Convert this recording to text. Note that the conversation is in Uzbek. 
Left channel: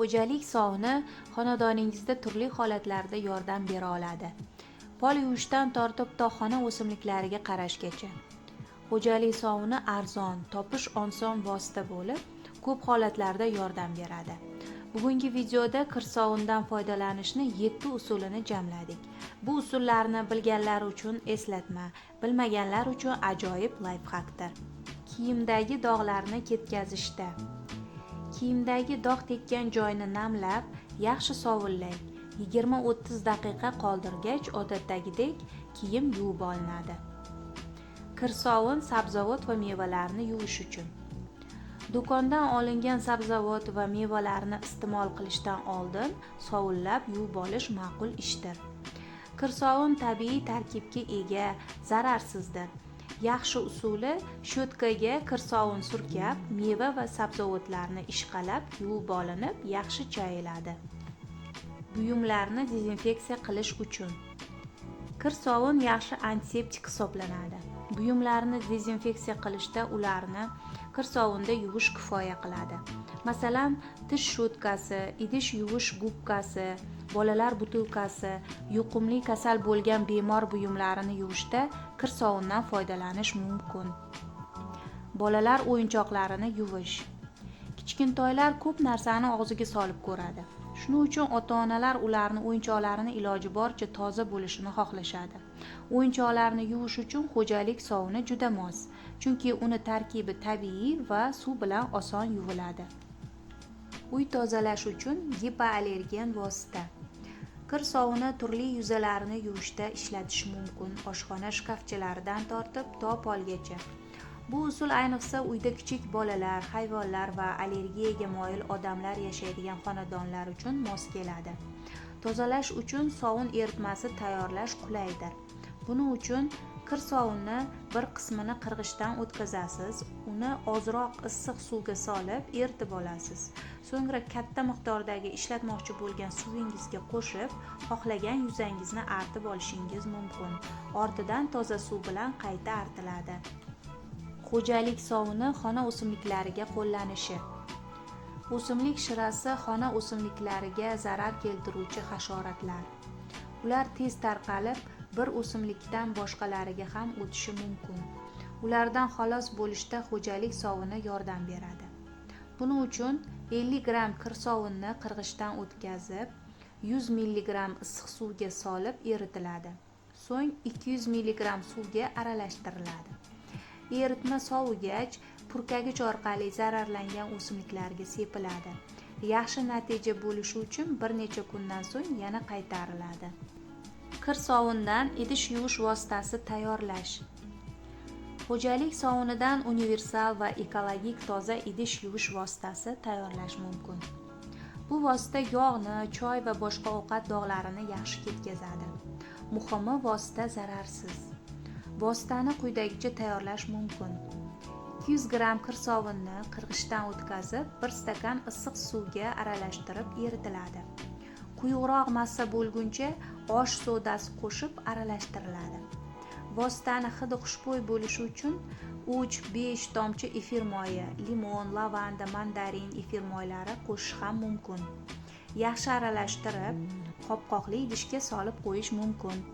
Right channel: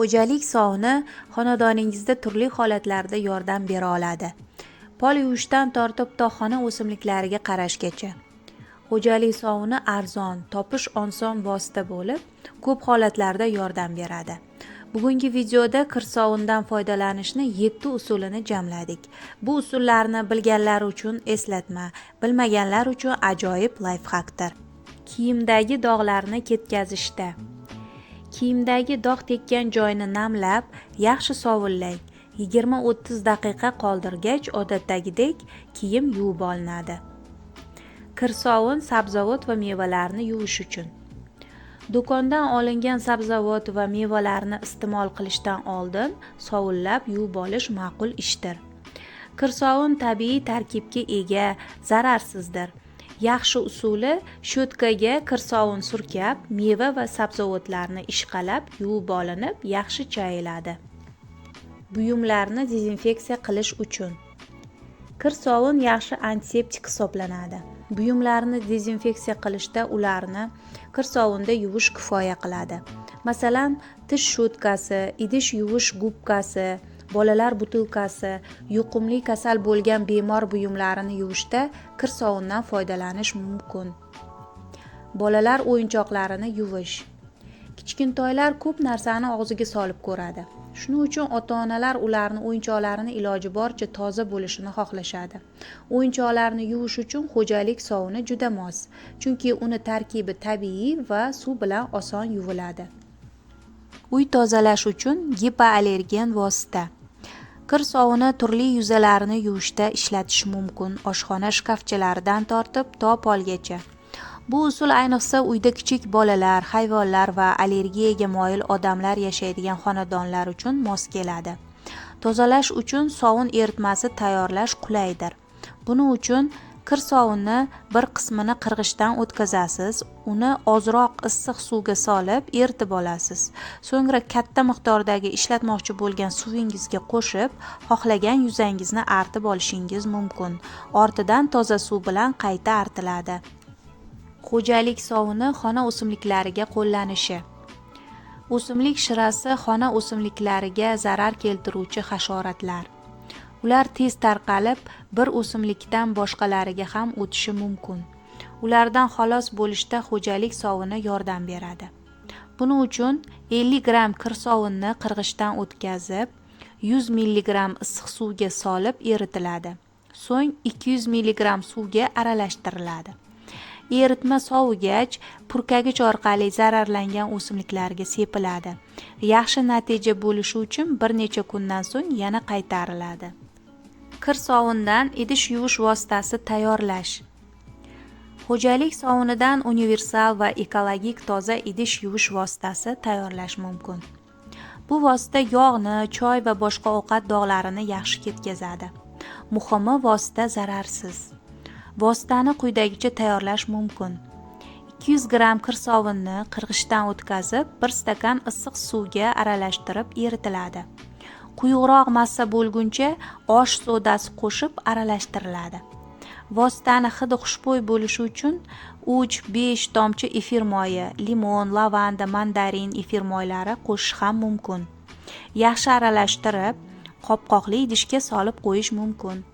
Xo'jalik sovuni xonadoningizda turli holatlarda yordam bera oladi. Pol yuvishdan tortib to xona o'simliklariga qarashgacha. Xo'jalik sovuni arzon, topish oson vosita bo'lib, ko'p holatlarda yordam beradi. Bugungi videoda kir sovundan foydalanishni 7 usulini jamladik. Bu usullarni bilganlar uchun eslatma, bilmaganlar uchun ajoyib lifhackdir. Kiyimdagi dog'larni ketkazishda. Kiyimdagi dog' tekkan joyni namlab, yaxshi sovunlang. 20-30 daqiqa qoldirgach, odatdagidek kiyim yuvib olinadi. Kir sovun sabzavot va mevalarni yuvish uchun. Do'kondan olingan sabzavot va mevalarni iste'mol qilishdan oldin sovunlab yuvib olish ma'qul ishdir. Kir sovun tabiiy tarkibga ega, zararsizdir. Yaxshi usuli shotkaga kir sovun surkab, meva va sabzavotlarni ishqalab yuvib olinib, yaxshi chayiladi. Buyumlarni dezinfeksiya qilish uchun. Kir sovun yaxshi antiseptik hisoblanadi. Buyumlarni dezinfeksiya qilishda ularni kir sovunda yuvish kifoya qiladi. Masalan, tish shotkasi, idish yuvish gubkasi, bolalar butilkasi, yuqumli kasal bo'lgan bemor buyumlarini yuvishda kir sovundan foydalanish mumkin. Bolalar o'yinchoqlarini yuvish. Kichkintoylar ko'p narsani og'ziga solib ko'radi. Shuning uchun ota-onalar ularni o'yinchoqlarini iloji boricha toza bo'lishini xohlashadi. O'yinchoqlarni yuvish uchun xo'jalik sovuni juda mos, chunki uni tarkibi tabiiy va suv bilan oson yuviladi. Uy tozalash uchun gipoallergen vosita. Kir sovuni turli yuzalarni yuvishda ishlatish mumkin, oshxona shkafchalaridan tortib to polgacha. Bu usul ayniqsa uyda kichik bolalar, hayvonlar va allergiyaga moyil odamlar yashaydigan xonadonlar uchun mos keladi. Tozalash uchun sovun eritmasi tayyorlash qulaydir. Buning uchun kir sovunni bir qismini qirg'ichdan o'tkazasiz, uni ozroq issiq suvga solib eritib olasiz. So'ngra katta miqdordagi ishlatmoqchi bo'lgan suvingizga qo'shib, xohlagan yuzangizni artib olishingiz mumkin. Ortidan toza suv bilan qayta artiladi. Xo'jalik sovuni xona o'simliklariga qo'llanishi. O'simlik shirasi xona o'simliklariga zarar keltiruvchi hasharotlar. Ular tez tarqalib, bir o'simlikdan boshqalariga ham o'tishi mumkin. Ulardan xalos bo'lishda xo'jalik sovuni yordam beradi. Buning uchun 50 gram kir sovunni qirg'ichdan o'tkazib, 100 mg issiq suvga solib eritiladi. So'ng 200 mg suvga aralashtiriladi. Eritma sovigach, purkagich orqali zararlangan o'simliklarga sepiladi. Yaxshi natija bo'lishi uchun bir necha kundan so'ng yana qaytariladi. Kir sovundan idish yuvish vositasi tayyorlash. Xo'jalik sovunidan universal va ekologik toza idish yuvish vositasi tayyorlash mumkin. Bu vosita yog'ni, choy va boshqa ovqat dog'larini yaxshi ketkazadi. Muhimi, vosita zararsiz. Vositani quyidagicha tayyorlash mumkin. 200 gram kir sovunni qirg'ichdan o'tkazib, 1 stakan issiq suvga aralashtirib eritiladi. Quyuqroq massa bo'lguncha osh sodasi qo'shib aralashtiriladi. Vositani hidi xushbo'y bo'lishi uchun 3-5 tomchi efir moyi, limon, lavanda, mandarin efir moylari qo'shish ham mumkin. Yaxshi aralashtirib, qopqoqli idishga solib qo'yish mumkin.